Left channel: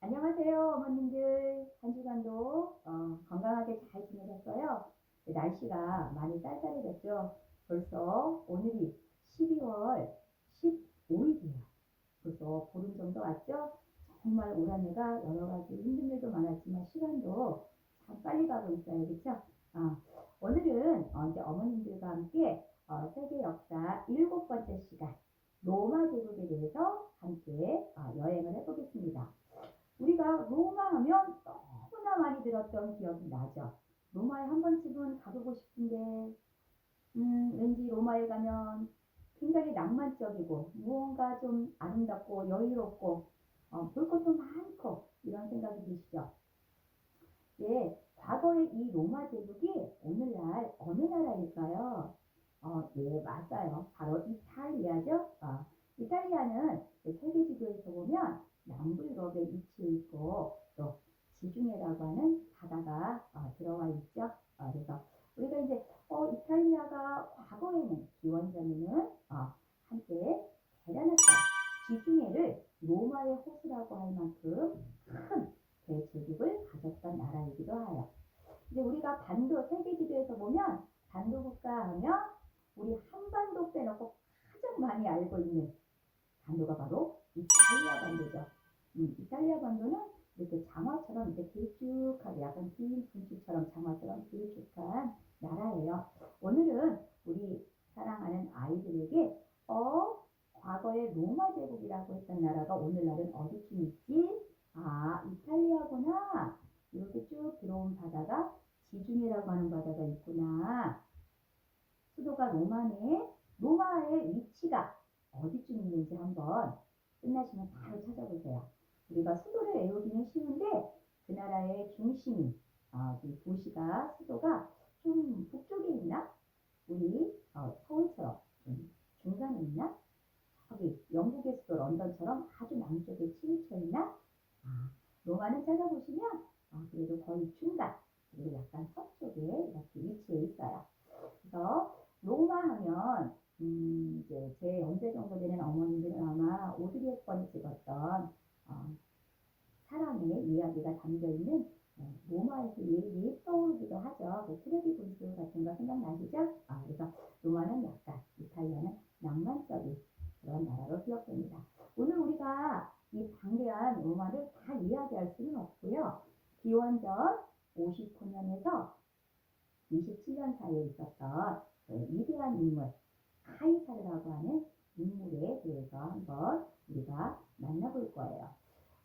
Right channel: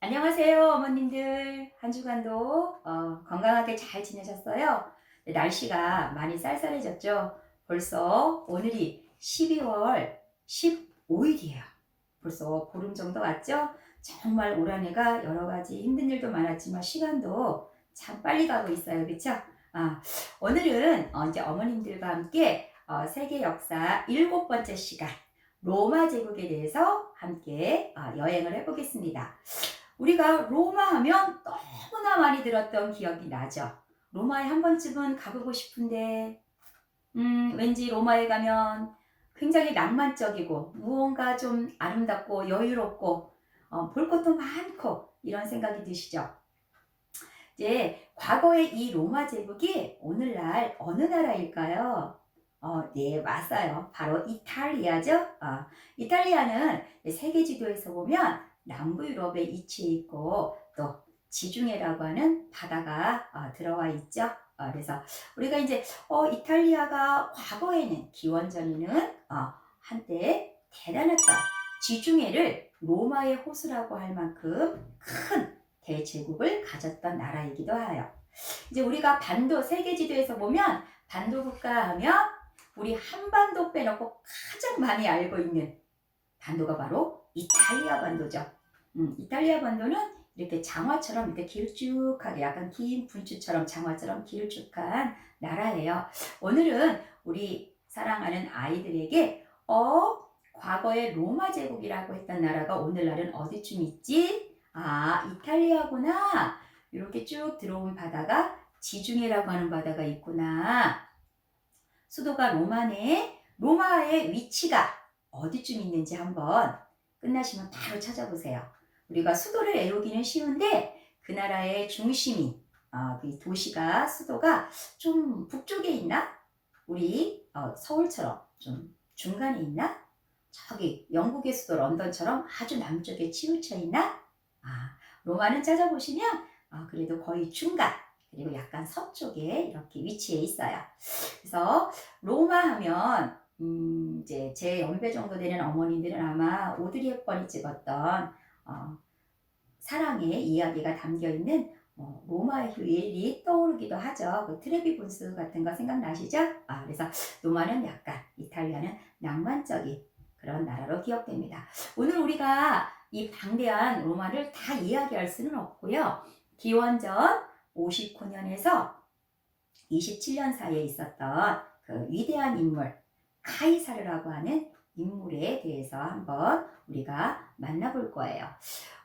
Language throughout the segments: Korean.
안녕하세요, 어머님들. 한 주간도 건강하게 잘 지내셨어요? 네, 날씨가 많이 쌀쌀해졌죠? 벌써 오늘이 12월 15일이에요. 벌써 보름 정도 왔죠? 정말 올 한 해가 여러 가지 힘든 일도 많았지만 시간도 참 빨리 가고 있어요. 그쵸? 아, 오늘은 이제 어머님들과 함께 세계 역사 7번째 시간 로마 제국에 대해서 함께 여행을 해보겠습니다. 우리가 로마 하면 너무나 많이 들었던 기억이 나죠. 로마에 한 번쯤은 가보고 싶은데, 왠지 로마에 가면 굉장히 낭만적이고 무언가 좀 아름답고 여유롭고 볼 것도 많고 이런 생각이 드시죠. 이제 과거의 이 로마 제국이 오늘날 어느 나라일까요? 네, 맞아요. 바로 이탈리아죠. 이탈리아는 세계 지도에서 보면 남부 유럽에 위치해 있고 또 지중해라고 하는 바다가 들어와 있죠. 그래서 우리가 이제 이탈리아가 과거에는 기원전에는 한때 대단했던 지중해를 로마의 호수라고 할 만큼 큰 대제국을 가졌던 나라이기도 해요. 이제 우리가 세계 지도에서 보면 반도 국가 하면 우리 한반도 빼놓고 가장 많이 알고 있는 반도가 바로 이탈리아 반도죠. 이탈리아 반도는 이렇게 장화처럼 이렇게 길쭉하게 약간 긴 분추처럼 장화처럼 길쭉한 나라예요. 오늘은 우리 사랑하는 아이들에게 과거의 로마 제국이라고 했던 나라가 오늘날은 어디쯤 있지? 이탈리아구나. 이렇게 쭉 들어온 바다가 지중해라고 하는 바다가 있구나. 수도가 로마네. 로마의 위치가 어디쯤 있는지 한번 끝나시면 바로 찾아보세요. 우리가 수도를 외우기는 쉬운데 그 나라의 중심이 그 도시가 수도가 좀 북쪽에 있나? 우리 서울처럼 좀 중간에 있나? 저기 영국의 수도 런던처럼 아주 남쪽에 치우쳐 있나? 로마는 찾아보시면 그래도 거의 중간 그리고 약간 서쪽에 이렇게 위치해 있어요. 그래서 로마 하면 이제 제 연배 정도 되는 어머니들은 아마 오드리 헵번이 찍었던 사랑의 이야기가 담겨 있는 로마의 휴일이 떠오르기도 하죠. 그 트레비 분수 같은 거 생각나시죠? 그래서 로마는 약간 이탈리아는 낭만적인 그런 나라로 기억됩니다. 오늘 우리가 이 방대한 로마를 다 이야기할 수는 없고요. 기원전 59년에서 27년 사이에 있었던 그 위대한 인물 카이사르라고 하는 인물에 대해서 한번 우리가 만나볼 거예요.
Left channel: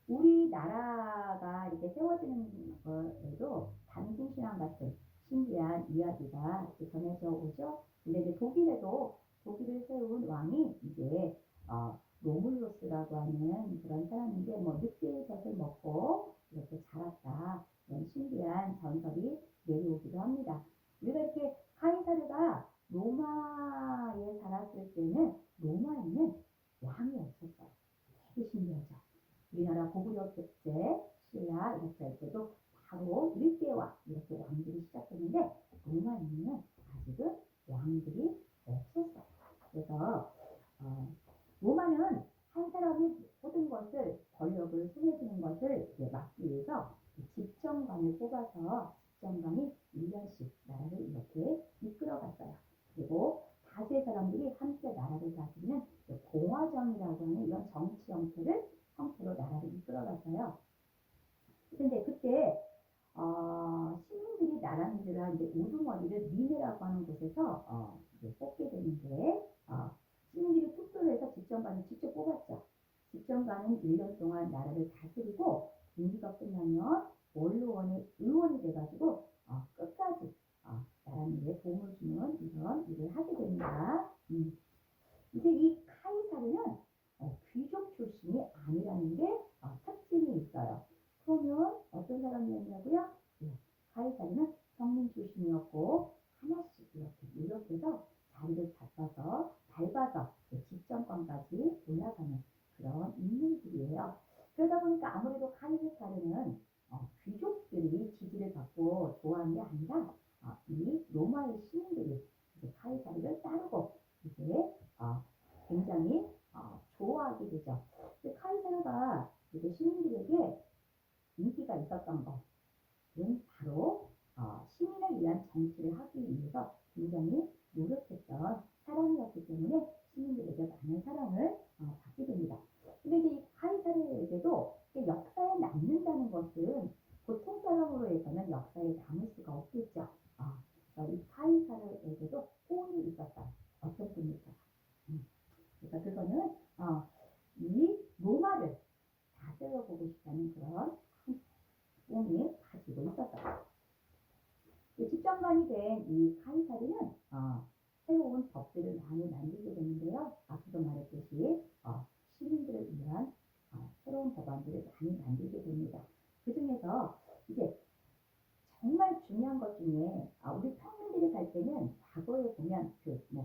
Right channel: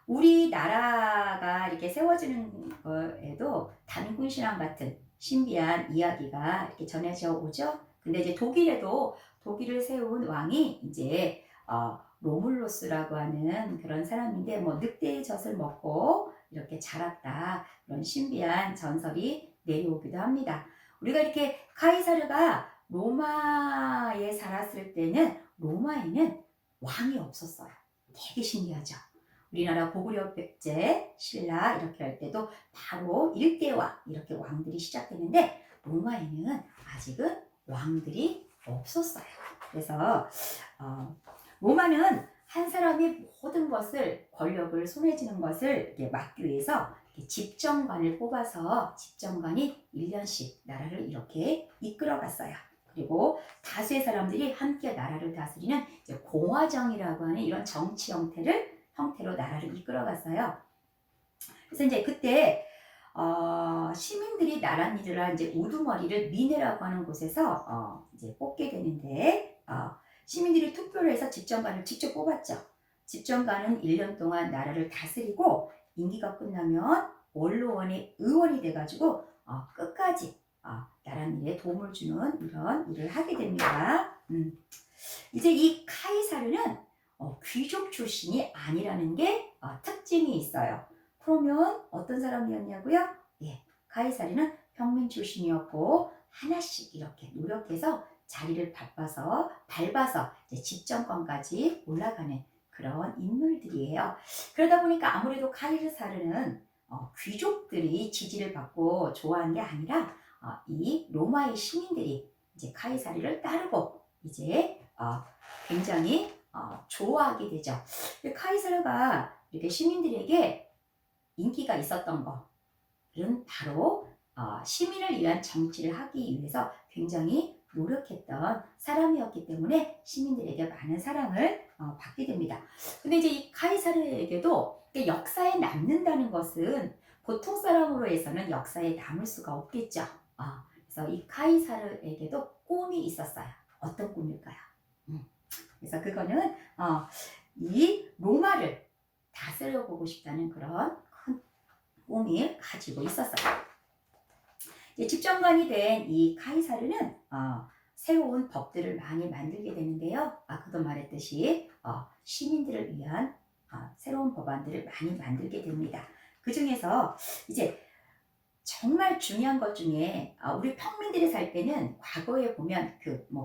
우리나라가 이렇게 세워지는 거에도 단군신앙 같은 신비한 이야기가 이렇게 전해져 오죠. 근데 이제 독일을 세운 왕이 이제 로물로스라고 하는 그런 사람인데 뭐 늑대의 젖을 먹고 이렇게 자랐다 그런 신비한 전설이 내려오기도 합니다. 우리가 이렇게 카이사르가 로마에 살았을 때는 로마에는 왕이 없었어요. 되게 신기하죠. 우리나라 고구려 백제, 신라 이렇게 할 때도 바로 일대왕 이렇게 왕들이 시작되는데 로마에는 아직은 왕들이 없었어요. 그래서 로마는 한 사람이 모든 것을 권력을 손에 쥐는 것을 막기 위해서 집정관을 뽑아서 집정관이 1년씩 나라를 이렇게 이끌어 갔어요. 그리고 다수의 사람들이 함께 나라를 다스리는 공화정이라고 하는 이런 정치 형태로 나라를 이끌어 갔어요. 그래서 이제 그때 시민들이 나랏일을 이제 우두머리를 미네라고 하는 곳에서 이제 뽑게 되는데 시민들이 투표를 해서 집정관을 직접 뽑았죠. 집정관은 1년 동안 나라를 다스리고 임기가 끝나면 원로원의 의원이 돼가지고 끝까지 나랏일에 도움을 주는 이런 일을 하게 됩니다. 이제 이 카이사르는 귀족 출신이 아니라는 게 특징이 있어요. 그러면 어떤 사람이었냐고요? 카이사르는 평민 출신이었고 하나씩 이렇게 노력해서 자리를 밟아서 이제 집정권까지 올라가는 그런 인물들이에요. 그러다 보니까 아무래도 카이사르는 귀족들이 지지를 받고 좋아한 게 아니라 이 로마의 시민들이 이제 카이사르를 따르고 이제 굉장히 좋아하게 되죠. 카이사르가 이렇게 시민들에게 인기가 있었던 것은 바로 시민을 위한 정치를 하기 위해서 굉장히 노력했던 사람이었기 때문에 시민들에게 많은 사랑을 받게 됩니다. 근데 이제 이 카이사르에게도 역사에 남는다는 것은 보통 사람으로 해서는 역사에 남을 수가 없겠죠. 그래서 이 카이사르에게도 꿈이 있었어요. 어떤 꿈일까요? 그래서 그거는 이 로마를 다스려 보고 싶다는 그런 큰 꿈을 가지고 있었어요. 집정관이 된 이 카이사르는 새로운 법들을 많이 만들게 되는데요. 아까도 말했듯이 시민들을 위한 새로운 법안들을 많이 만들게 됩니다. 그 중에서 이제 정말 중요한 것 중에 우리 평민들이 살 때는 과거에 보면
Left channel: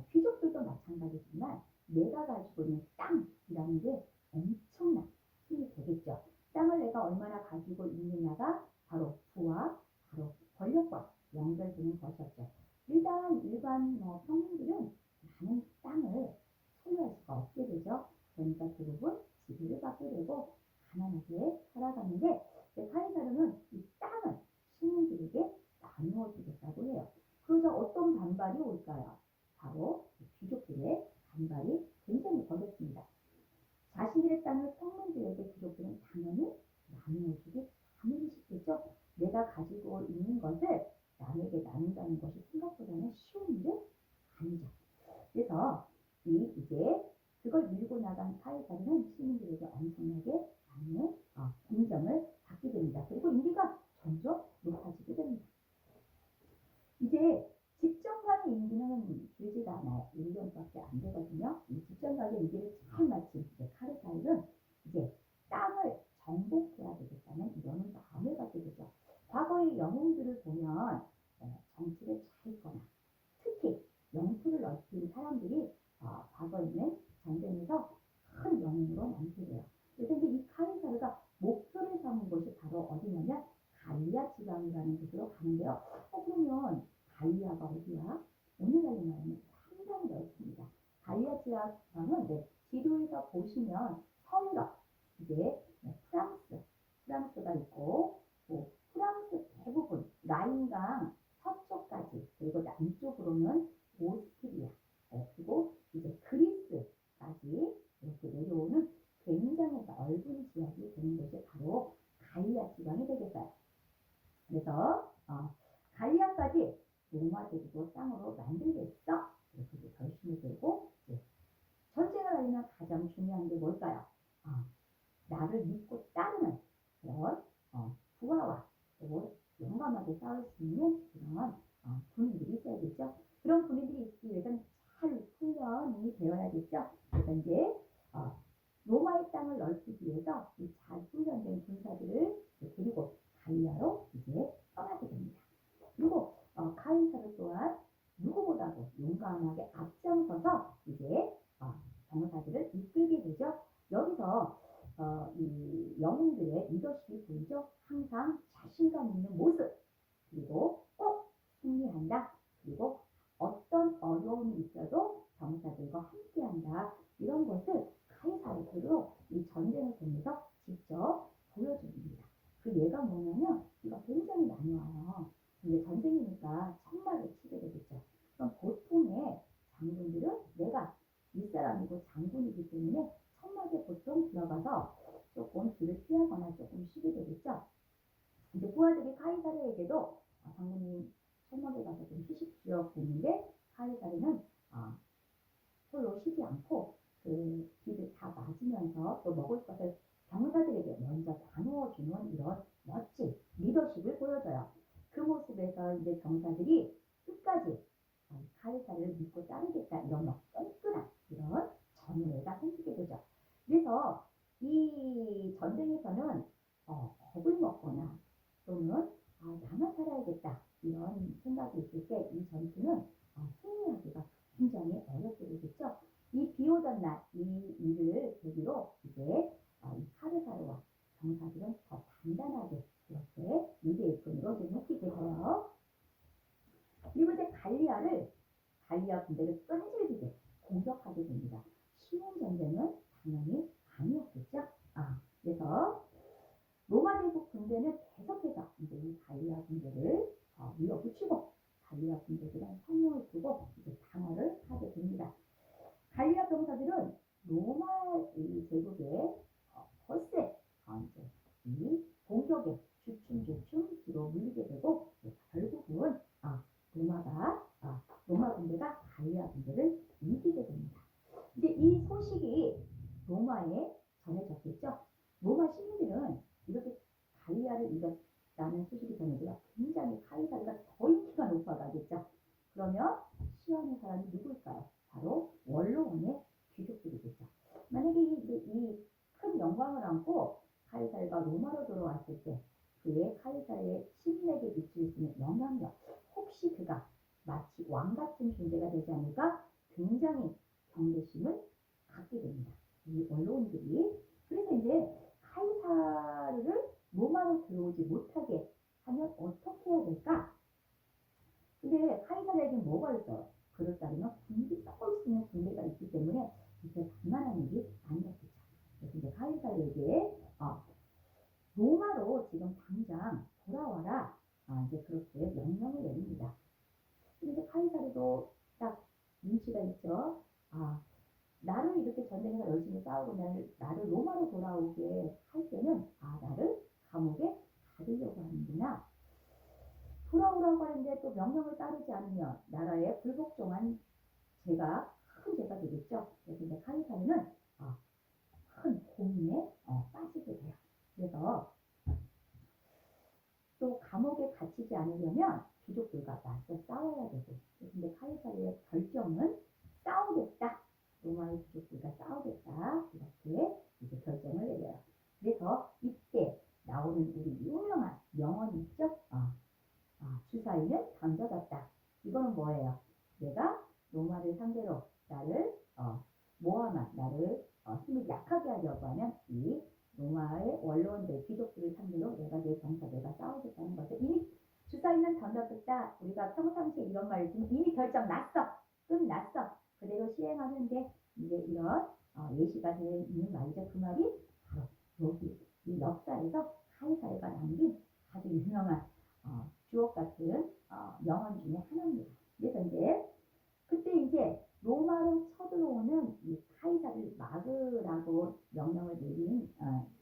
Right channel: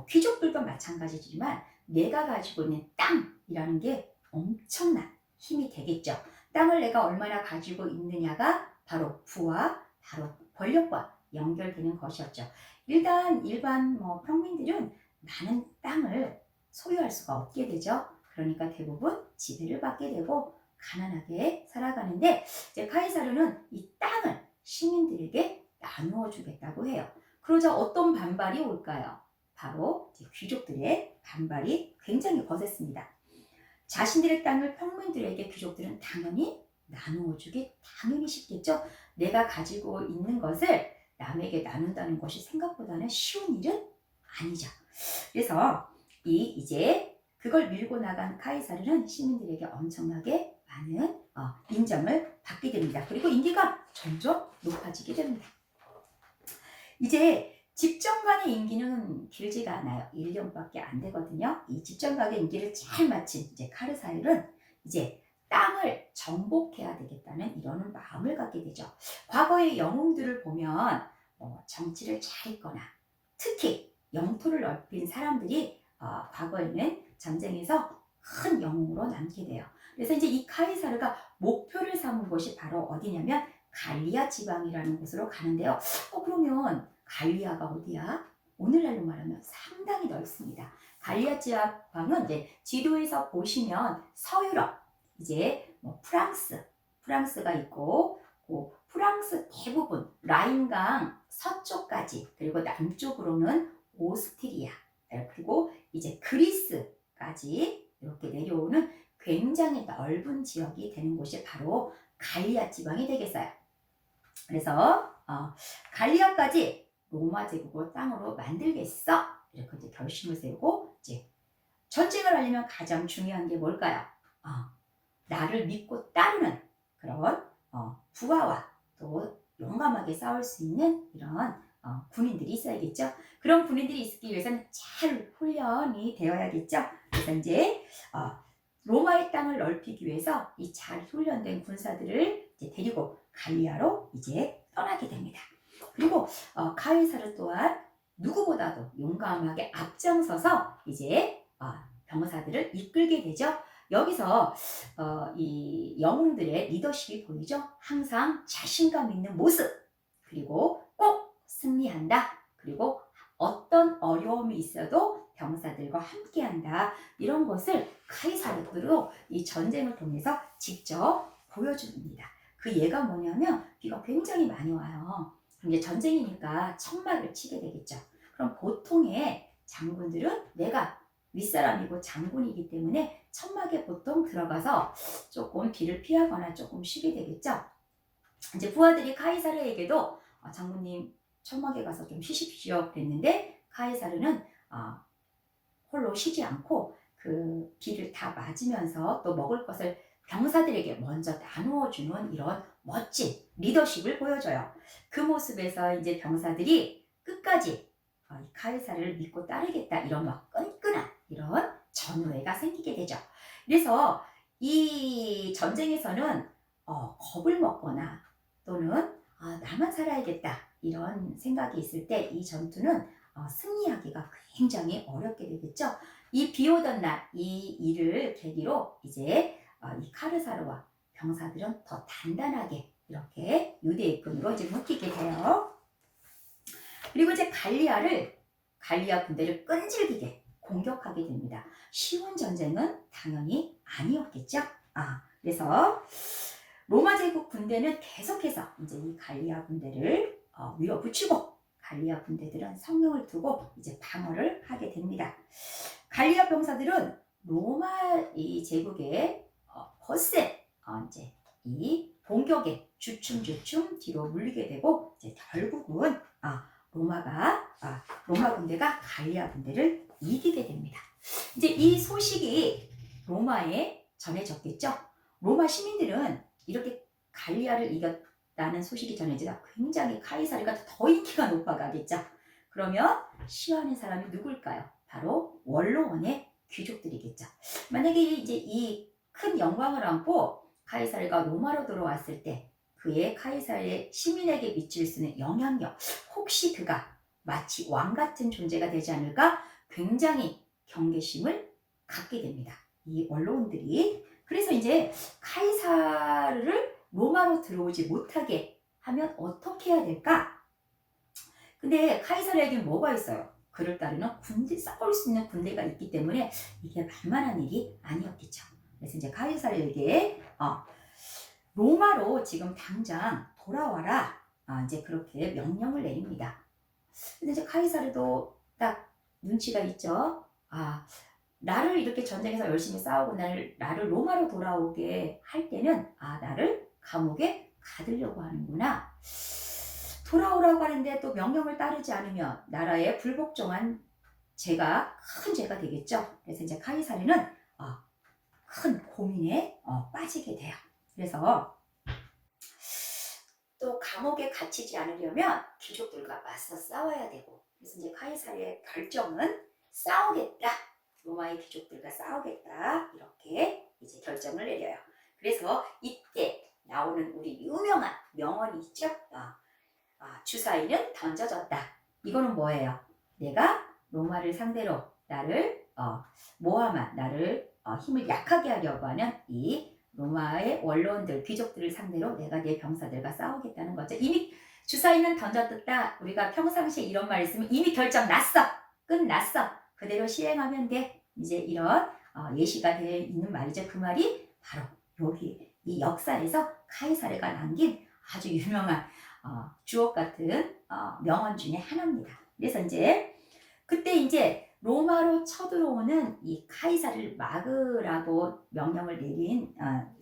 귀족들도 마찬가지지만 내가 가지고 있는 땅이라는 게 엄청난 힘이 되겠죠. 땅을 내가 얼마나 가지고 있느냐가 바로 부와 바로 권력과 연결되는 것이었죠. 일반 평민들은 많은 땅을 소유할 수가 없게 되죠. 그러니까 대부분 지배를 받게 되고 가난하게 살아가는데 이제 카이사르는 이 땅을 시민들에게 나누어 주겠다고 해요. 그러자 어떤 반발이 올까요? 바로 이제 귀족들의 반발이 굉장히 거셌습니다. 자신들의 땅을 평민들에게 귀족들은 당연히 나누어 주기 당연히 쉽겠죠. 내가 가지고 있는 것을 남에게 나눈다는 것이 생각보다는 쉬운 일은 아니죠. 그래서 이제 그걸 밀고 나간 카이사르는 시민들에게 엄청나게 많은 인정을 받게 됩니다. 그리고 인기가 점점 높아지게 됩니다. 이제 집정관의 임기는 길지가 않아요. 1년밖에 안 되거든요. 이 집정관의 임기를 잘 마친 이제 카이사르는 이제 땅을 정복해야 되겠다는 이런 마음을 갖게 되죠. 과거의 영웅들을 보면 정치를 잘했거나 특히 영토를 넓힌 사람들이 과거에는 전쟁에서 큰 영웅으로 남게 돼요. 그래서 이제 이 카이사르가 목표를 삼은 곳이 바로 어디냐면 갈리아 지방이라는 곳으로 가는데요. 그러면 갈리아가 어디야? 오늘날로 말하면 상당히 넓습니다. 갈리아 지방은 이제 지도에서 보시면 서유럽, 이제 프랑스가 있고 프랑스 대부분 라인강 서쪽까지 그리고 남쪽으로는 오스트리아 그리고 이제 그리스까지 이렇게 내려오는 굉장히 넓은 지역이 되는 곳이 바로 갈리아 지방이 되겠어요. 그래서 갈리아까지 로마 제국의 땅으로 만들겠어 이렇게 이제 결심을 세우고 이제 전쟁을 하려면 가장 중요한 게 뭘까요? 나를 믿고 따르는 그런 부하와 또 용감하게 싸울 수 있는 이런 군인들이 있어야겠죠. 그런 군인들이 있기 위해서는 잘 훈련이 되어야겠죠. 그래서 이제 로마의 땅을 넓히기 위해서 이 잘 훈련된 군사들을 이제 데리고 갈리아로 이제 떠나게 됩니다. 그리고 카이사르 또한 누구보다도 용감하게 앞장서서 이제 병사들을 이끌게 되죠. 여기서 이 영웅들의 리더십이 보이죠. 항상 자신감 있는 모습, 그리고 꼭 승리한다. 그리고 어떤 어려움이 있어도 병사들과 함께한다. 이런 것을 카이사르로 이 전쟁을 통해서 직접 보여줍니다. 그 예가 뭐냐면 비가 굉장히 많이 와요. 그럼 이제 전쟁이니까 천막을 치게 되겠죠. 그럼 보통의 장군들은 내가 윗사람이고 장군이기 때문에 천막에 보통 들어가서 조금 비를 피하거나 조금 쉬게 되겠죠. 이제 부하들이 카이사르에게도 장군님 천막에 가서 좀 쉬십시오 그랬는데 카이사르는 홀로 쉬지 않고 그 비를 다 맞으면서 또 먹을 것을 병사들에게 먼저 나누어 주는 이런 멋진 리더십을 보여줘요. 그 모습에서 이제 병사들이 끝까지 카이사르를 믿고 따르겠다 이런 끈끈한 이런 전우애가 생기게 되죠. 그래서 이 전쟁에서는 겁을 먹거나 또는 나만 살아야겠다 이런 생각이 있을 때 이 전투는 승리하기가 굉장히 어렵게 되겠죠. 이 비 오던 날 이 일을 계기로 이제 이 카이사르와 병사들은 더 단단하게 이렇게 유대의 끈으로 이제 묶이게 돼요. 그리고 이제 갈리아를 갈리아 군대를 끈질기게 공격하게 됩니다. 쉬운 전쟁은 당연히 아니었겠죠. 그래서 로마 제국 군대는 계속해서 이제 이 갈리아 군대를 밀어붙이고 갈리아 군대들은 성령을 두고 이제 방어를 하게 됩니다. 갈리아 병사들은 로마 이 제국의 거센 이제 이 공격에 주춤주춤 뒤로 물리게 되고 이제 결국은 로마 군대가 갈리아 군대를 이기게 됩니다. 이제 이 소식이 로마에 전해졌겠죠. 로마 시민들은 이렇게 갈리아를 이겼다는 소식이 전해지자 굉장히 카이사르가 더 인기가 높아가겠죠. 그러면 시위하는 사람이 누굴까요? 바로 원로원의 귀족들이겠죠. 만약에 이제 이 큰 영광을 안고 카이사르가 로마로 들어왔을 때 그의 카이사르의 시민에게 미칠 수 있는 영향력, 혹시 그가 마치 왕 같은 존재가 되지 않을까 굉장히 경계심을 갖게 됩니다. 이 원로원들이. 그래서 이제 카이사르를 로마로 들어오지 못하게 하면 어떻게 해야 될까? 근데 카이사르에게 뭐가 있어요? 그를 따르는 군대, 싸울 수 있는 군대가 있기 때문에 이게 만만한 일이 아니었겠죠. 그래서 이제 카이사르에게 로마로 지금 당장 돌아와라. 이제 그렇게 명령을 내립니다. 근데 이제 카이사르도 딱 눈치가 있죠. 나를 이렇게 전쟁에서 열심히 싸우고 나를 로마로 돌아오게 할 때는 나를 감옥에 가두려고 하는구나. 돌아오라고 하는데 또 명령을 따르지 않으면 나라에 불복종한 죄가 큰 죄가 되겠죠. 그래서 이제 카이사르는 큰 고민에 빠지게 돼요. 그래서 또 감옥에 갇히지 않으려면 귀족들과 맞서 싸워야 되고, 그래서 이제 카이사르의 결정은 싸우겠다. 로마의 귀족들과 싸우겠다. 이렇게 이제 결정을 내려요. 그래서 이때 나오는 우리 유명한 명언이 있죠. 주사위는 던져졌다. 이거는 뭐예요? 내가 로마를 상대로 나를 모함한 나를 힘을 약하게 하려고 하는 이 로마의 원로원들, 귀족들을 상대로 내가 내 병사들과 싸우겠다는 거죠. 이미 주사위는 던졌다. 우리가 평상시에 이런 말 있으면 이미 결정 났어. 끝났어. 그대로 시행하면 돼. 이제 이런 예시가 되어 있는 말이죠. 그 말이 바로 여기 이 역사에서 카이사르가 남긴 아주 유명한 주옥 같은 명언 중에 하나입니다. 그래서 이제 그때 이제 로마로 쳐들어오는 이 카이사르를 막으라고 명령을 내린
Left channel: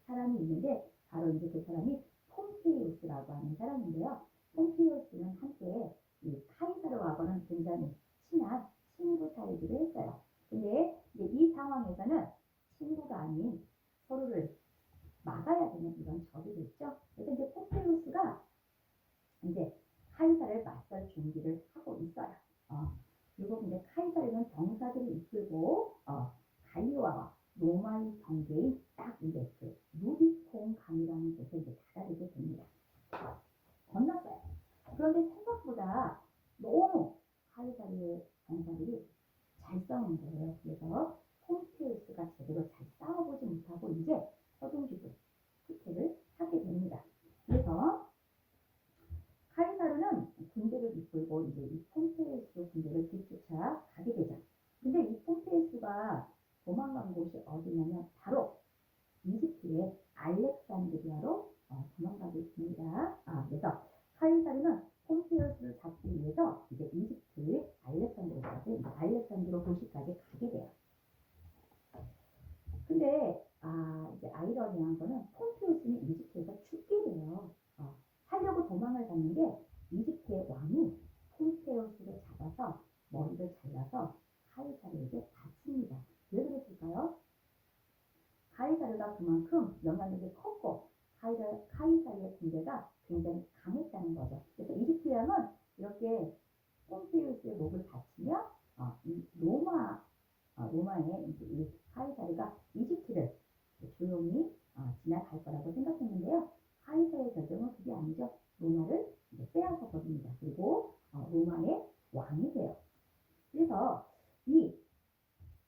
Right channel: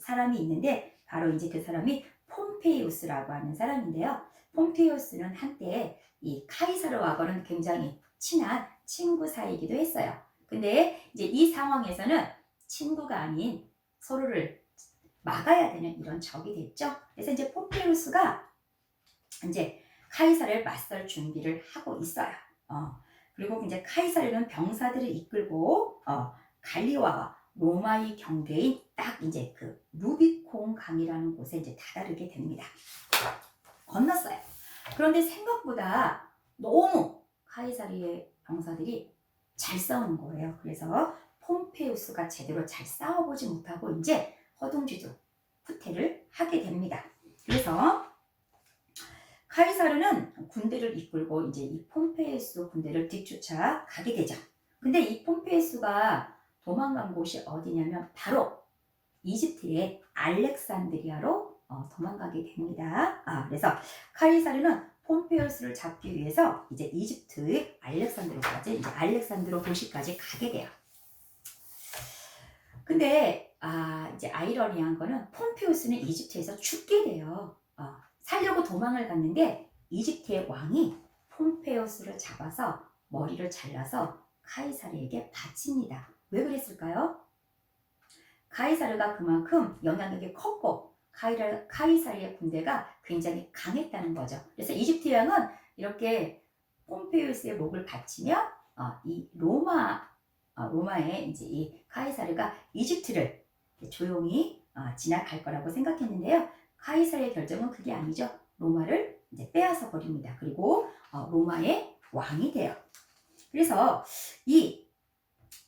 사람이 있는데 바로 이제 그 사람이 폼페이우스라고 하는 사람인데요. 폼페이우스는 한때 이 카이사르하고는 굉장히 친한 친구 사이이기도 했어요. 근데 이제 이 상황에서는 친구가 아닌 서로를 막아야 되는 이런 적이 됐죠. 그래서 이제 폼페이우스가 이제 카이사르를 맞설 준비를 하고 있어요. 그리고 이제 카이사르는 병사들을 이끌고 갈리아와 로마의 경계인 딱 이제 그 루비콘 강이라는 곳에 이제 다다르게 됩니다. 건넜어요. 그런데 생각보다 너무 카이사르의 병사들이 잘 싸우는 거예요. 그래서 폼페이우스가 제대로 잘 싸워보지 못하고 이제 허둥지둥 후퇴를 하게 됩니다. 그래서 카이사르는 군대를 이끌고 이제 이 폼페이우스 군대를 뒤쫓아 가게 되죠. 근데 이 폼페이우스가 도망간 곳이 어디냐면 바로 이집트의 알렉산드리아로 도망가게 됩니다. 그래서 카이사르는 폼페이우스를 잡기 위해서 이제 이집트의 알렉산드로까지 이제 알렉산드로 도시까지 가게 돼요. 근데 이제 아이러니한 거는 폼페이우스는 이집트에서 죽게 돼요. 살려고 도망을 갔는데 이집트의 왕이 폼페이우스를 잡아서 머리를 잘라서 카이사르에게 바칩니다. 왜 그랬을까요? 카이사르가 그만큼 영향력이 컸고 카이사르의 군대가 굉장히 강했다는 거죠. 그래서 이집트 왕은 이렇게 폼페이우스의 목을 바치며 이 로마의 이제 이 카이사르가 이집트를 조용히 지나갈 거라고 생각했는데요. 카이사르의 결정은 그게 아니죠. 로마를 이제 빼앗아 버립니다. 그리고 로마의 왕이 돼요. 그래서 이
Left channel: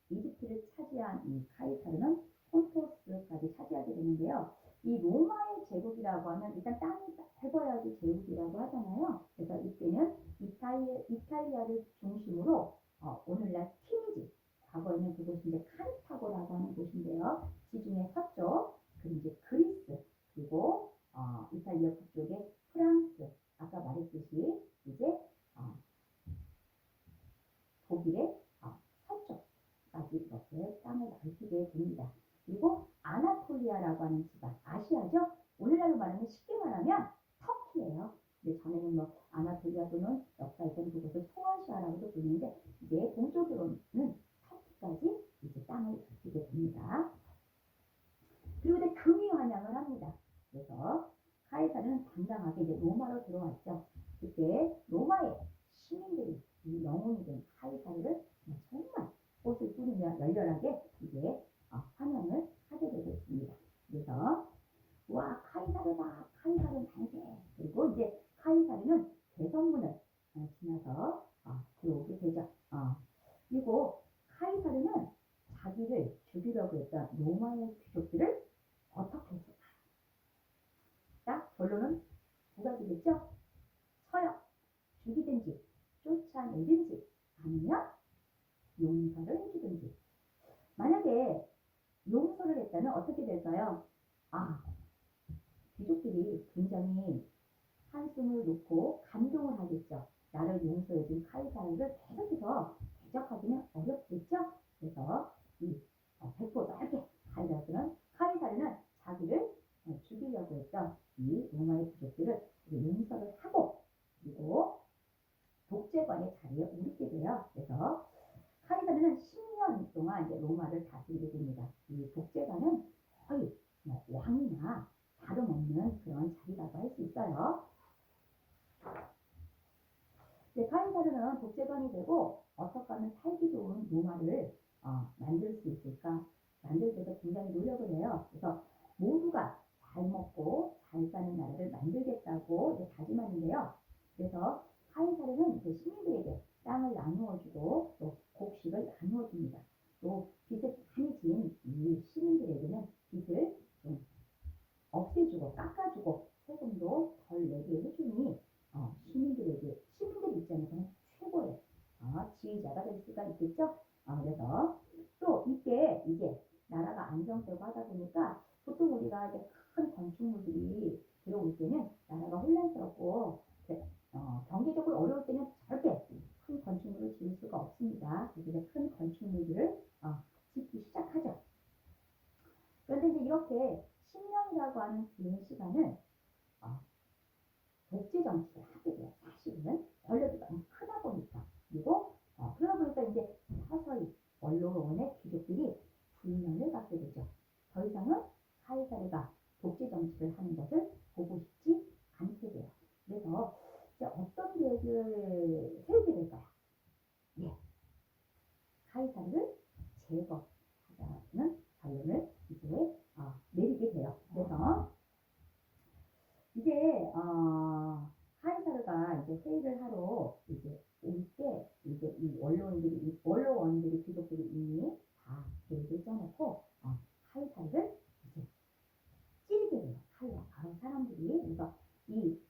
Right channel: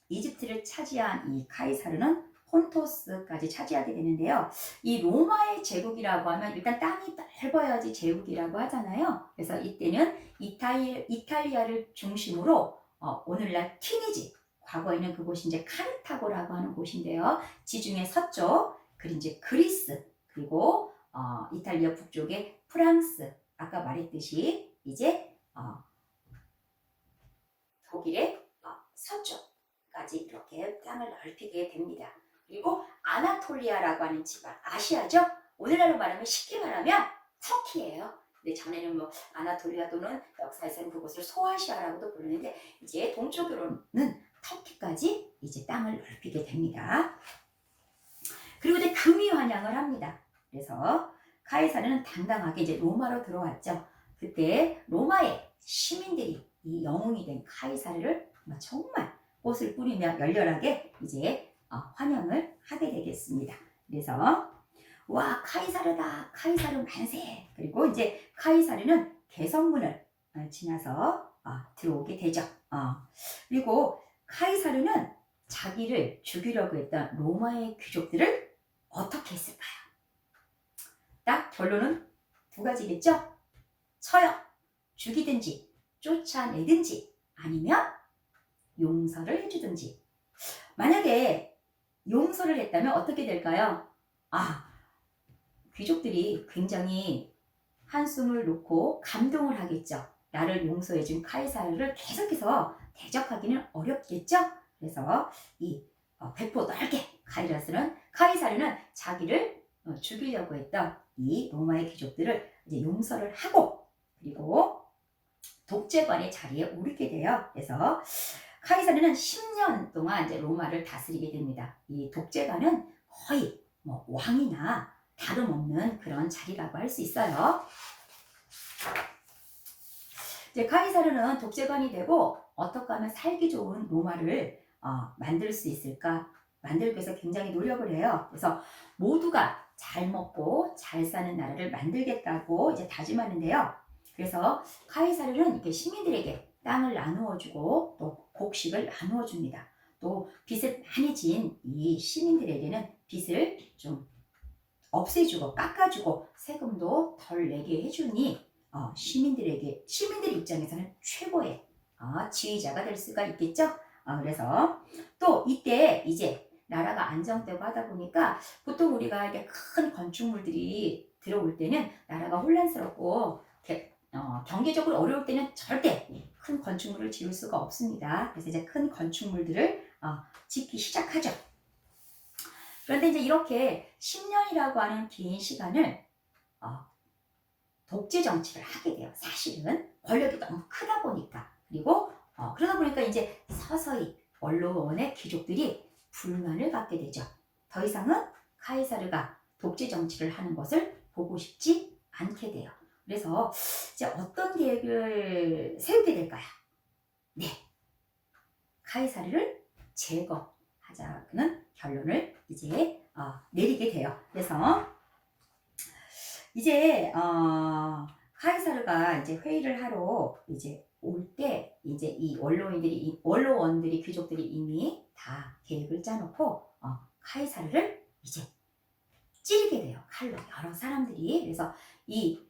이집트를 차지한 이 카이사르는 폰토스까지 차지하게 되는데요. 이 로마의 제국이라고 하면 일단 땅이 넓어야지 제국이라고 하잖아요. 그래서 이때는 이탈리아를 중심으로 오늘날 튀니지, 과거에는 그곳이 이제 카르타고라고 하는 곳인데요. 지중해 서쪽, 그리고 이제 그리스, 그리고 이탈리아 북쪽의 프랑스, 아까 말했듯이 이제 독일의 서쪽까지 이렇게 땅을 넓히게 됩니다. 그리고 아나톨리아라고 하는 지방, 아시아죠? 오늘날로 말하면 쉽게 말하면 터키예요. 근데 전에는 뭐 아나톨리아 또는 역사에서는 그곳을 소아시아라고도 부르는데 이제 동쪽으로는 터키까지 이제 땅을 넓히게 됩니다. 그리고 이제 금이 환영을 합니다. 그래서 카이사르는 당당하게 이제 로마로 들어왔죠. 그때 로마의 시민들이 이 영웅이 된 카이사르를 정말 꽃을 뿌리며 열렬하게 이제 환영을 하게 되겠습니다. 그래서 와, 카이사르다, 카이사르 만세. 그리고 이제 카이사르는 개선문을 지나서 들어오게 되죠. 그리고 카이사르는 자기를 죽이려고 했던 로마의 귀족들을 어떻게 했을까요? 딱 결론은 두 가지겠죠? 쳐요, 죽이든지 쫓아내든지 아니면 용서를 해주든지. 만약에 용서를 했다면 어떻게 될까요? 귀족들이 굉장히 한숨을 놓고 감동을 하겠죠. 나를 용서해준 카이사르를 계속해서 대적하기는 어렵겠죠. 그래서 이 배포 넓게 카이사르는 자기를 죽이려고 했던 이 로마의 귀족들을 이제 용서를 하고 그리고 독재관의 자리에 오르게 돼요. 그래서 카이사르는 10년 동안 이제 로마를 다스리게 됩니다. 이 독재관은 거의 뭐 왕이나 다름없는 그런 자리라고 할 수 있어요. 이제 카이사르는 독재관이 되고 어떻게 하면 살기 좋은 로마를 만들 수 있을까? 만들기 위해서 굉장히 노력을 해요. 그래서 모두가 잘 먹고 잘 사는 나라를 만들겠다고 이제 다짐하는데요. 그래서 카이사르는 이렇게 시민들에게 땅을 나누어주고 또 곡식을 나누어줍니다. 또 빚을 많이 진 이 시민들에게는 빚을 좀 없애주고 깎아주고 세금도 덜 내게 해주니 시민들 입장에서는 최고의 지휘자가 될 수가 있겠죠. 그래서 또 이때 이제 나라가 안정되고 하다 보니까 보통 우리가 이게 큰 건축물들이 들어올 때는 나라가 혼란스럽고 경제적으로 어려울 때는 절대 큰 건축물을 지을 수가 없습니다. 그래서 이제 큰 건축물들을 짓기 시작하죠. 그런데 이제 이렇게 10년이라고 하는 긴 시간을 독재 정치를 하게 돼요. 사실은 권력이 너무 크다 보니까. 그리고 그러다 보니까 이제 서서히 원로원의 귀족들이 불만을 갖게 되죠. 더 이상은 카이사르가 독재 정치를 하는 것을 보고 싶지 않게 돼요. 그래서 이제 어떤 계획을 세우게 될까요? 네, 카이사르를 제거하자는 결론을 이제 내리게 돼요. 그래서 이제 카이사르가 이제 회의를 하러 이제 올 때 이제 이 원로원들이 귀족들이 이미 다 계획을 짜놓고 카이사르를 이제 찌르게 돼요. 칼로 여러 사람들이. 그래서 이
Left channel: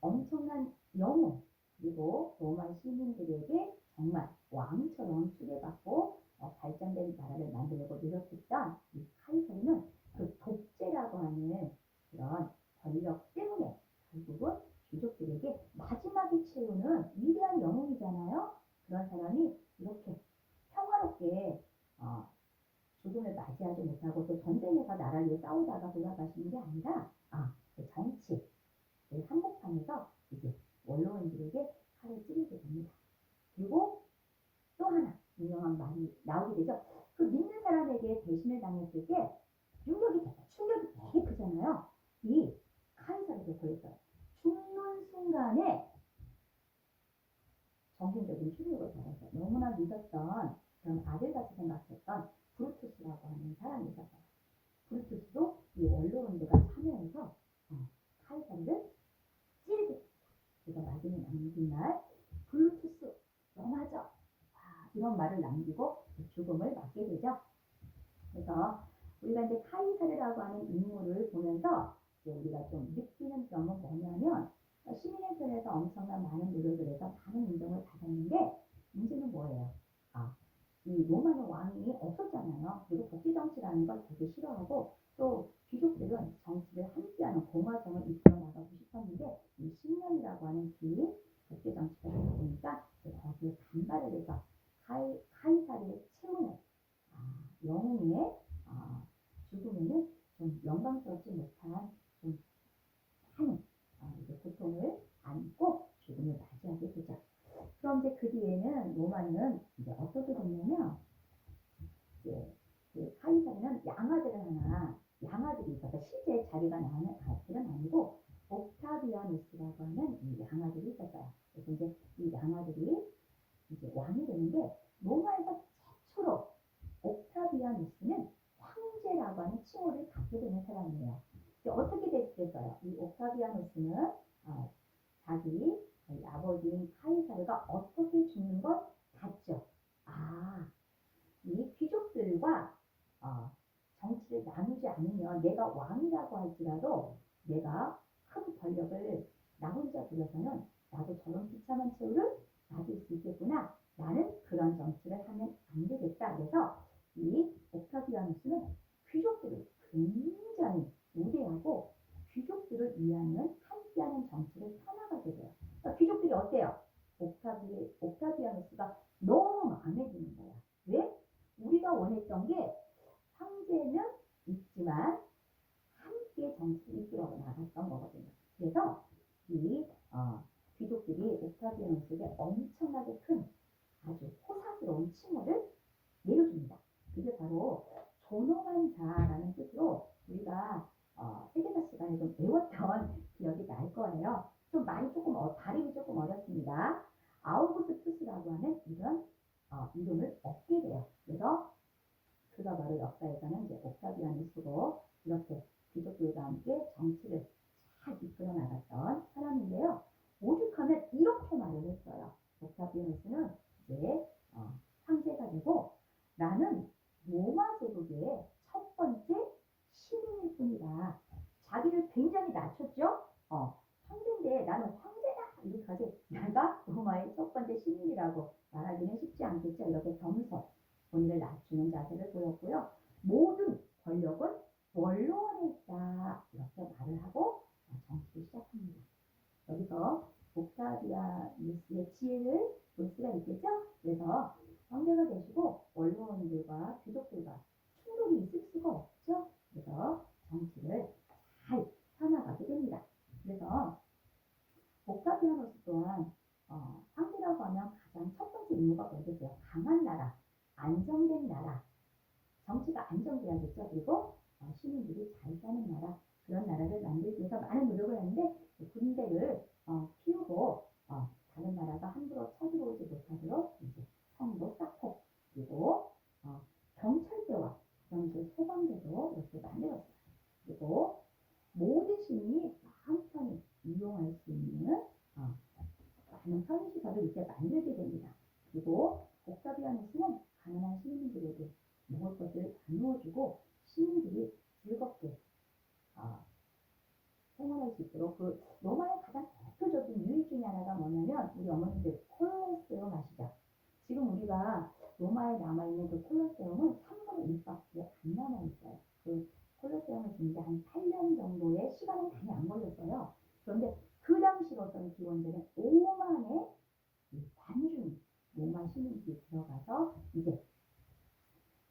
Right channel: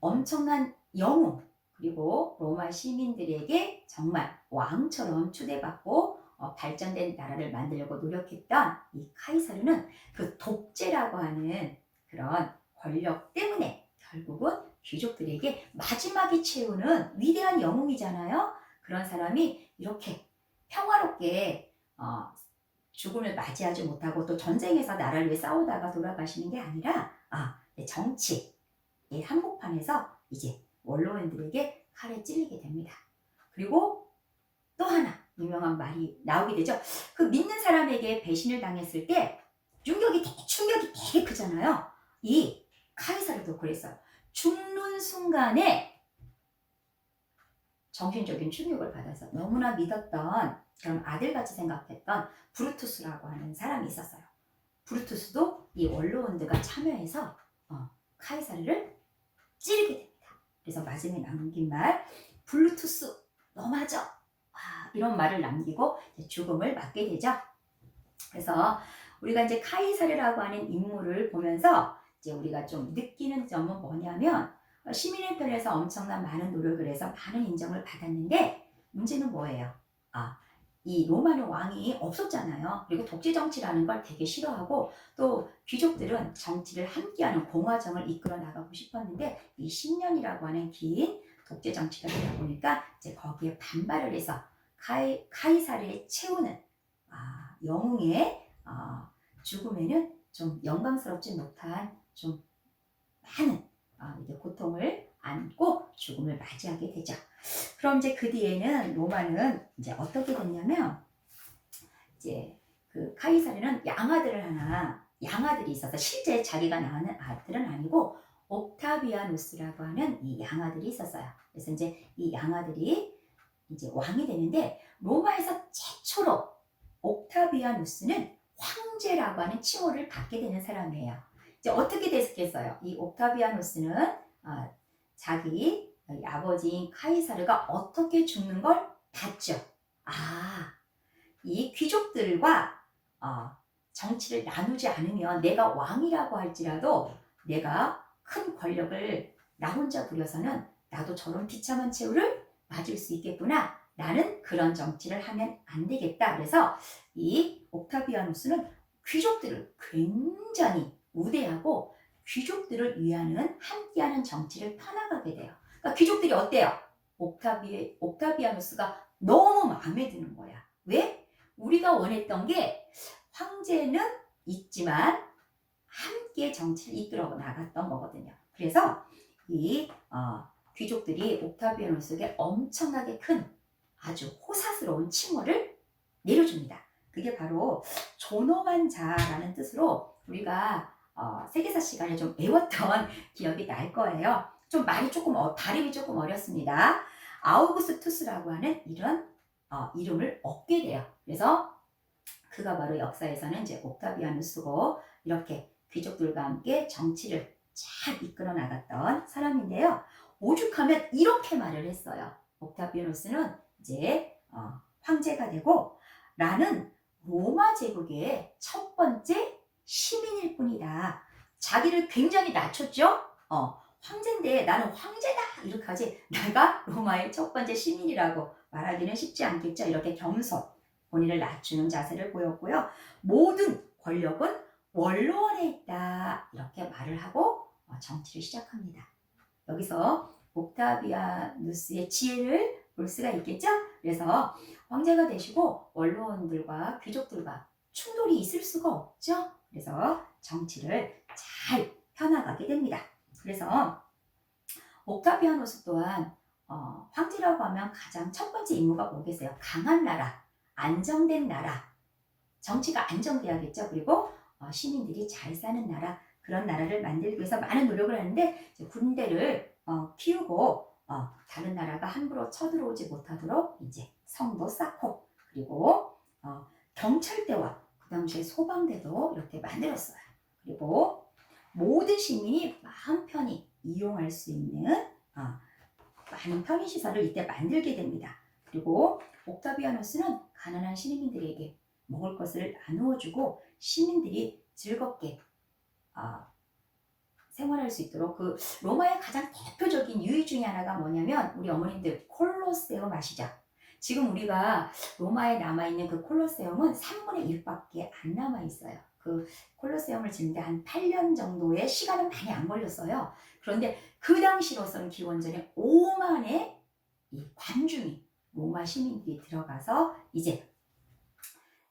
엄청난 영웅 그리고 로마 시민들에게 정말 왕처럼 추대받고 발전된 나라를 만들려고 노력했던 이 카이사르는 그 독재라고 하는 그런 권력 때문에 결국은 귀족들에게 마지막에 채우는 위대한 영웅이잖아요. 그런 사람이 이렇게 평화롭게 죽음을 맞이하지 못하고 또 전쟁에서 나라를 위해 싸우다가 돌아가시는 게 아니라 정치 한복판에서 이제 원로원들에게 칼에 찔리게 됩니다. 그리고 또 하나 유명한 말이 나오게 되죠. 그 믿는 사람에게 배신을 당했을 때 충격이 되게 크잖아요. 이 카이사르도 그랬어요. 죽는 순간에 정신적인 충격을 받아서 너무나 믿었던 그런 아들같이 생각했던 브루투스라고 하는 사람이 있었어요. 브루투스도 이 원로원들과 참여해서 카이사르를 찌르게 됩니다. 그래서 마지막에 남긴 말, 블루투스 너 맞아. 이런 말을 남기고 죽음을 맞게 되죠. 그래서 우리가 이제 카이사르라고 하는 인물을 보면서 이제 우리가 좀 느끼는 점은 뭐냐면 시민의 편에서 엄청난 많은 노력을 해서 많은 인정을 받았는데 문제는 뭐예요? 이 로마는 왕이 없었잖아요. 그리고 독재 정치라는 걸 되게 싫어하고 또 귀족들은 정치를 함께하는 공화정을 이끌어 나가고 싶었는데 이 10년이라고 하는 긴 독재 정치가 되다 보니까 이제 거기에 반발을 해서 카이사르를 채우는 영웅의 죽음에는 좀 영광스럽지 못한 좀 많은 이제 고통을 안고 죽음을 맞이하게 되죠. 그럼 이제 그 뒤에는 로마는 이제 어떻게 됐냐면 이제 그 카이사르는 양아들이 있어서 실제 자기가 낳은 아들은 아니고 옥타비아누스라고 하는 이 양아들이 있었어요. 그래서 이제 이 양아들이 이제 왕이 되는데 로마에서 최초로 옥타비아누스는 황제라고 하는 칭호를 받게 되는 사람이에요. 이제 어떻게 됐겠어요? 이 옥타비아누스는 자기 아버지인 카이사르가 어떻게 죽는 걸 봤죠. 이 귀족들과 정치를 나누지 않으면 내가 왕이라고 할지라도 내가 큰 권력을 나 혼자 부려서는 나도 저런 비참한 최후를 맞을 수 있겠구나. 나는 그런 정치를 하면 안 되겠다. 그래서 이 옥타비아누스는 귀족들을 굉장히 우대하고 귀족들을 위하는 함께하는 정치를 펴나가게 돼요. 그러니까 귀족들이 어때요? 옥타비아누스가 너무 마음에 드는 거야. 왜? 우리가 원했던 게 황제는 있지만 함께 정치를 이끌어 나갔던 거거든요. 그래서 이 귀족들이 옥타비아누스에게 엄청나게 큰 아주 호사스러운 칭호를 내려줍니다. 그게 바로 존엄한 자라는 뜻으로 우리가 세계사 시간에 좀 외웠던 기억이 날 거예요. 좀 말이 조금 발음이 조금 어렵습니다. 아우구스투스라고 하는 이런 이름을 얻게 돼요. 그래서 그가 바로 역사에서는 이제 옥타비아누스고 이렇게 귀족들과 함께 정치를 잘 이끌어 나갔던 사람인데요. 오죽하면 이렇게 말을 했어요. 옥타비아누스는 이제 황제가 되고 나는 로마 제국의 첫 번째 시민일 뿐이다. 자기를 굉장히 낮췄죠. 황제인데 나는 황제다 이렇게 하지 내가 로마의 첫 번째 시민이라고 말하기는 쉽지 않겠죠. 이렇게 겸손 본인을 낮추는 자세를 보였고요. 모든 권력은 원로원에 있다 이렇게 말을 하고 정치를 시작합니다. 여기서 옥타비아누스의 지혜를 볼 수가 있겠죠. 그래서 황제가 되시고 원로원들과 귀족들과 충돌이 있을 수가 없죠. 그래서 정치를 잘 펴나가게 됩니다. 그래서 옥타비아누스 또한 황제라고 하면 가장 첫 번째 임무가 뭐겠어요? 강한 나라, 안정된 나라, 정치가 안정돼야겠죠. 그리고 시민들이 잘 사는 나라, 그런 나라를 만들기 위해서 많은 노력을 하는데 군대를 키우고 다른 나라가 함부로 쳐들어오지 못하도록 이제 성도 쌓고 그리고 경찰대와 그 당시에 소방대도 이렇게 만들었어요. 그리고 모든 시민이 마음 편히 이용할 수 있는 많은 편의시설을 이때 만들게 됩니다. 그리고 옥타비아누스는 가난한 시민들에게 먹을 것을 나누어주고 시민들이 즐겁게 생활할 수 있도록 그 로마의 가장 대표적인 유의 중에 하나가 뭐냐면 우리 어머님들 콜로세움 아시죠? 지금 우리가 로마에 남아있는 그 콜로세움은 3분의 1밖에 안 남아있어요. 그 콜로세움을 짓는데 한 8년 정도의 시간은 많이 안 걸렸어요. 그런데 그 당시로서는 기원전에 5만의 이 관중이 로마 시민들이 들어가서 이제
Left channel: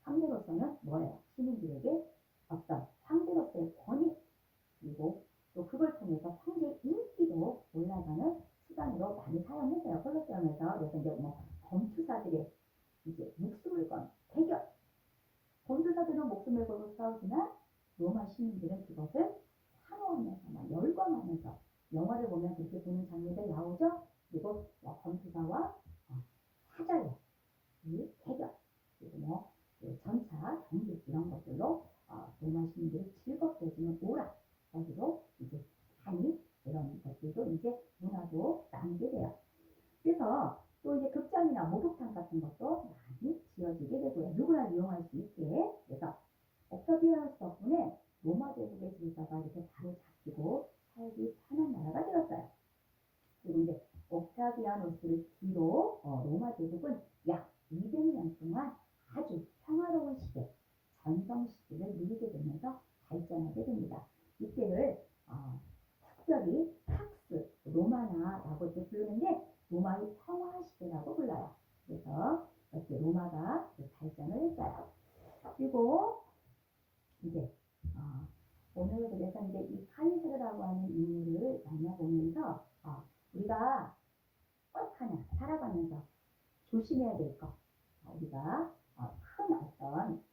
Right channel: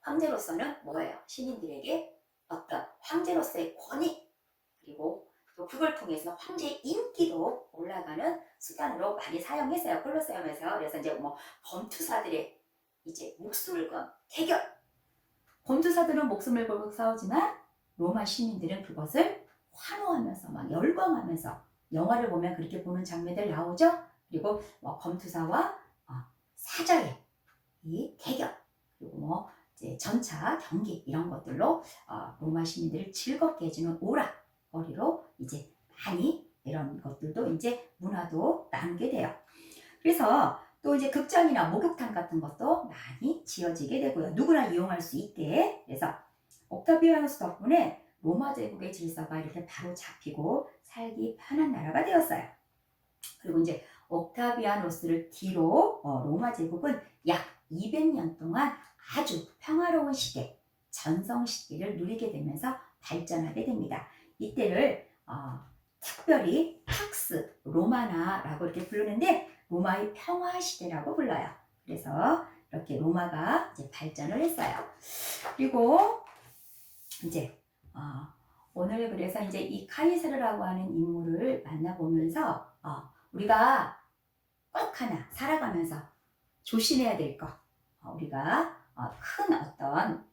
황제로서는 뭐예요? 시민들에게 어떤 황제로서의 권위 그리고 또 그걸 통해서 황제의 인기도 올라가는 수단으로 많이 사용했어요. 콜로세움에서. 그래서 이제 뭐 검투사들의 이제 목숨을 건 대결. 검투사들은 목숨을 걸고 싸우지만 로마 시민들은 그것을 환호하면서 막 열광하면서 영화를 보면 그렇게 보는 장면들 나오죠. 그리고 뭐 검투사와 사자의 이 대결 그리고 뭐 이제 전차 경기 이런 것들로 로마 시민들을 즐겁게 해주는 오락거리로 이제 많이 이런 것들도 이제 문화도 나누게 돼요. 그래서 또 이제 극장이나 목욕탕 같은 것도 많이 지어지게 되고요. 누구나 이용할 수 있게. 그래서 옥타비아누스 덕분에 로마 제국의 질서가 이렇게 바로 잡히고 살기 편한 나라가 되었어요. 그리고 이제 옥타비아누스를 뒤로 로마 제국은 약 200년 동안 아주 평화로운 시대, 전성 시대를 누리게 되면서 발전하게 됩니다. 이때를 특별히 팍스 로마나라고 이렇게 부르는데 로마의 평화 시대라고 불러요. 그래서 이렇게 로마가 이제 발전을 했어요. 그리고 이제 오늘 그래서 이제 이 카이사르라고 하는 인물을 만나보면서 우리가 꼭 하나 살아가면서 조심해야 될 것, 우리가 큰 어떤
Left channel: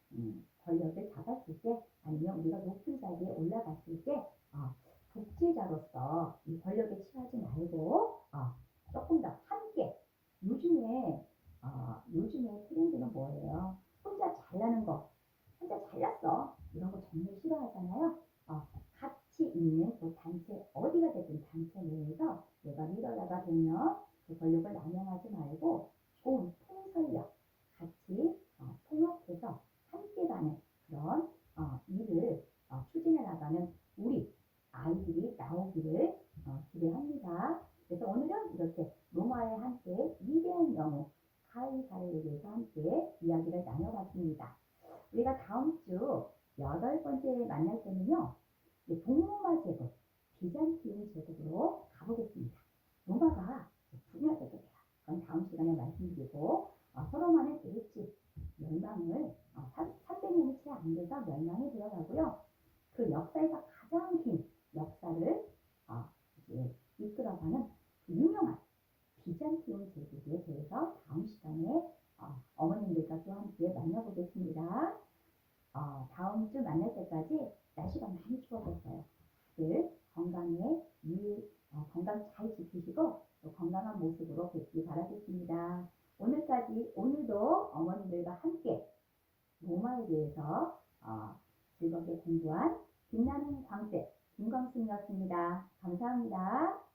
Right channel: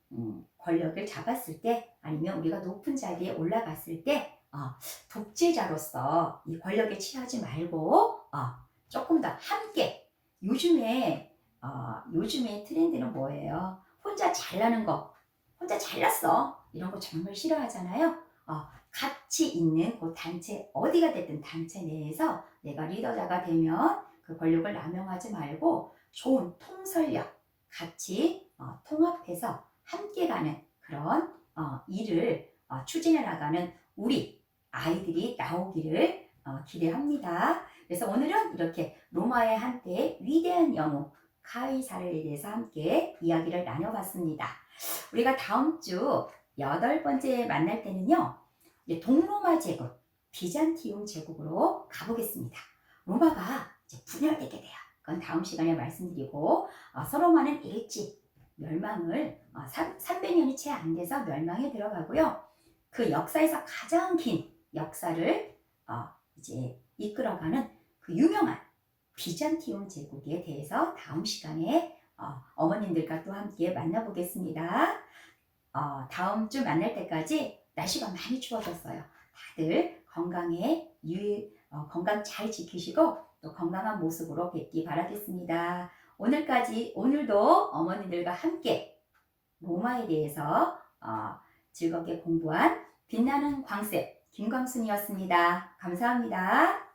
권력을 잡았을 때 아니면 우리가 높은 자리에 올라갔을 때 독재자로서 이 권력에 취하지 말고 조금 더 함께 요즘에 트렌드는 뭐예요? 혼자 잘나는 거, 혼자 잘났어 이런 거 정말 싫어하잖아요. 같이 있는 그 단체 어디가 됐든 단체 내에서 내가 리더자가 되면 그 권력을 남용하지 말고 좋은 통솔력 같이 통합해서 함께 가는 그런 일을 추진해 나가는 우리 아이들이 나오기를 기대합니다. 그래서 오늘은 이렇게 로마의 한때 위대한 영웅 카이사르에 대해서 함께 이야기를 나눠봤습니다. 우리가 다음 주 8번째 만날 때는요, 이제 동로마 제국, 비잔티움 제국으로 가보겠습니다. 로마가 이제 분열되게 돼요. 그건 다음 시간에 말씀드리고 서로마는 일찍 멸망을 300년이 채 안 돼서 멸망에 들어가고요. 그 역사에서 가장 긴 역사를 이제 이끌어가는 그 유명한 비잔티움 제국에 대해서 다음 시간에 어머님들과 또 함께 만나보겠습니다. 다음 주 만날 때까지 날씨가 많이 추워졌어요. 다들 건강 잘 지키시고 또 건강한 모습으로 뵙기 바라겠습니다. 오늘도 어머님들과 함께 로마에 대해서 즐겁게 공부한 빛나는 광쌤 김광순이었습니다. 감사합니다.